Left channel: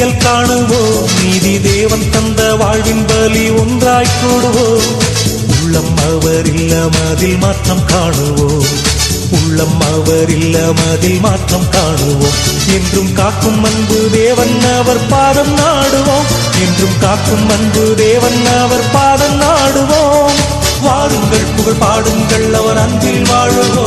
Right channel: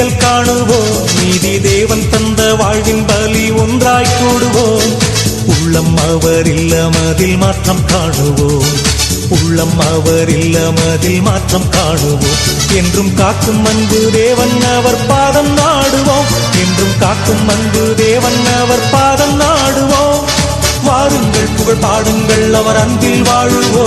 விடியல் காணுவோம். நீதி தேவன் தந்த வாழ்வின் பலி ஒன்றாய் கூடுவோம் உள்ளம் அவரில் மதில் மாற்றம் காணுவோம். உள்ளம் அவரில் மதில் மாற்றம் காணுவோம். என்றும் காக்கும் அன்பு தேவன் அவர் பாதம் நாடுவோம். என்றும் காக்கும் அன்பு தேவன் அவர் பாதம் நாடுவோம். வாருங்கள் புகழ் பாடுங்கள் அவர் அன்பில் வாழுவோம்.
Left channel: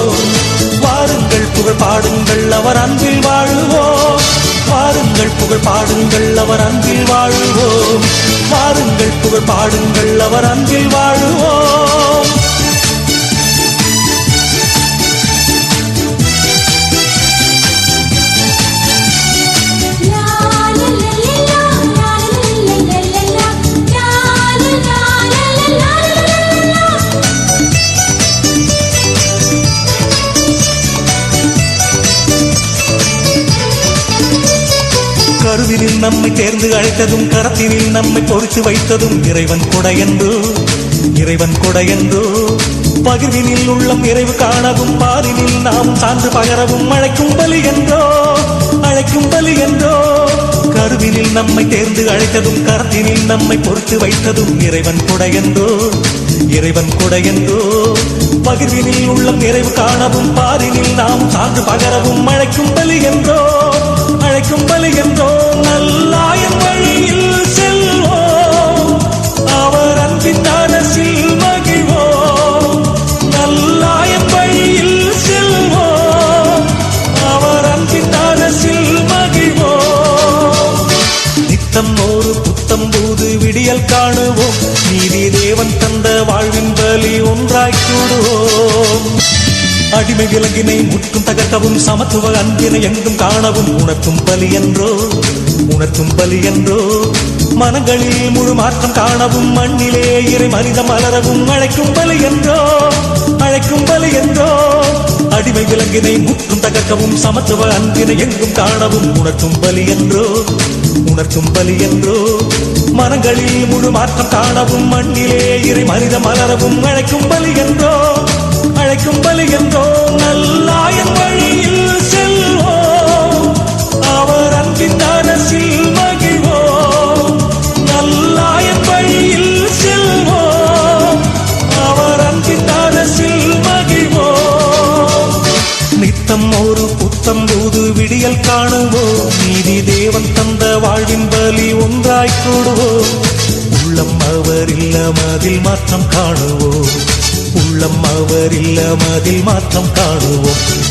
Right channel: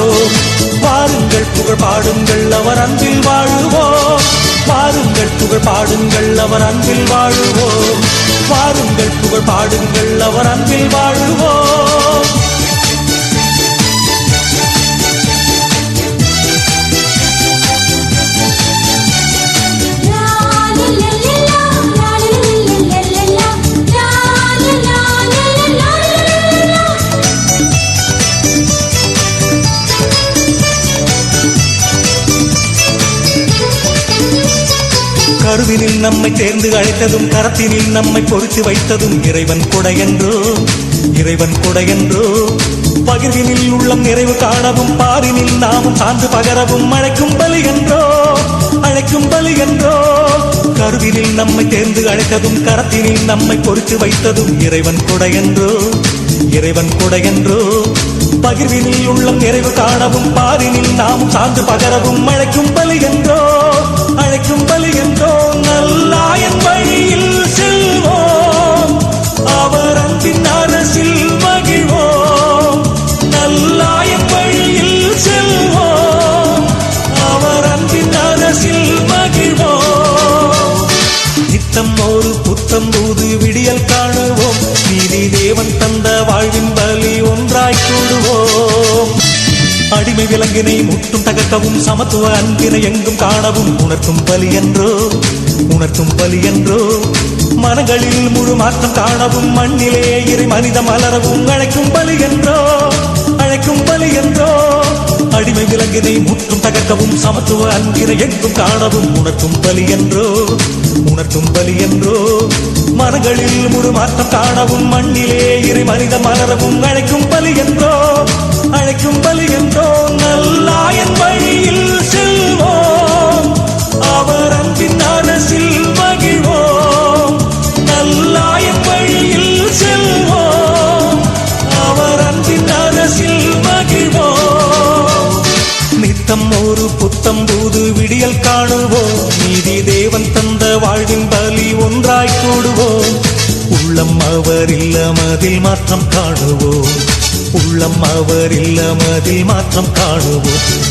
நம்மை தேர்ந்து அழைத்ததும் கரத்தினில் நம்மை பொறித்து வைத்ததும் இறைவன் கொடையன்றோ இறைவன் கொடையன்றோ பகுதியில் உள்ளம் நிறைவு காணவும் பாரினில் நாம் சார்ந்து பகரவும் அழைக்கும் பலி என்றோ அழைக்கும் பலி என்றோ. கருதினில் நம்மை தேர்ந்து அழைத்ததும் கரத்தினில் நம்மை பொறித்து வைத்ததும் இறைவன் கொடையன்றோ இறைவன் கொடையன்றோ பகுதியில் உள்ளம் நிறைவு காணவும் பாரினில் நாம் சார்ந்து பகரவும் அழைக்கும் பலி ஒன்றாய் அடிமை விலங்கினை முட்டும் தகர்த்தவும் சமத்துவ அன்பினை எங்கும் காணவும். உணர்த்தும் பலி என்றோ உணர்த்தும் பலி என்றோ. மரங்களில் முழு மாற்றம் காணவும் மண்ணிலே இரு மனித மலரவும். அழைக்கும் பலி என்றோ அழைக்கும் பலி என்றோ. அடிமை விலங்கினை முட்டும் தகர்க்கவும் சமத்துவ அன்பினை எங்கும் காணவும். உணர்த்தும் பலி என்றோ உணர்த்தும் பலி என்றோ மரங்களில் முழு மாற்றம் காணவும் மண்ணிலே இறை மனித மலரவும் அழைக்கும் பலி என்றோ அழைக்கும் பலி என்றோ நல்லாயன் வழியில் செல்வோம். அவர் அன்பின் அரசில் மகிழ்வோம். நல்லாயன் வழியில் செல்வோம். அவர் அன்பின் மகிழ்வோம். நித்தம் ஒரு புத்தம் விடியல் காணுவோம். ஒன்றாய் கூடுவோம். உள்ளம் அவரில் மதில் மாற்றம் காணுவோம். உள்ளம் அவரில் மதில் மாற்றம் காணுவோம்.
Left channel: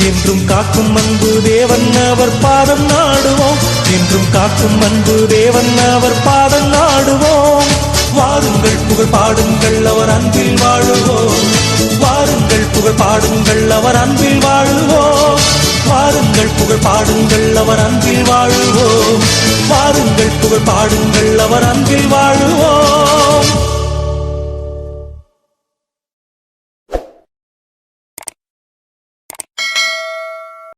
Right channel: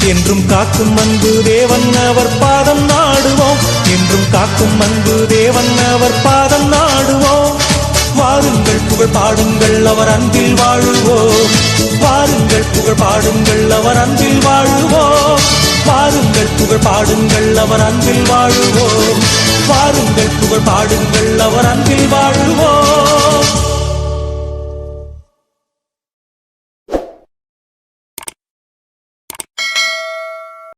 என்றும் காக்கும் அன்பு தேவன் அவர் பாதம் நாடுவோம். என்றும் காக்கும் அன்பு தேவன் அவர் பாதம் நாடுவோம். வாருங்கள் புகழ் பாடுங்கள் அவர் அன்பில் வாழுவோம். வாருங்கள் புகழ் பாடுங்கள் அவர் அன்பில் வாழுவோம். பாருங்கள் புகழ் பாடுங்கள் அவர் அன்பில் வாழுவோம். வாருங்கள் புகழ் பாடுங்கள் அவர் அன்பில் வாழ்வோம்.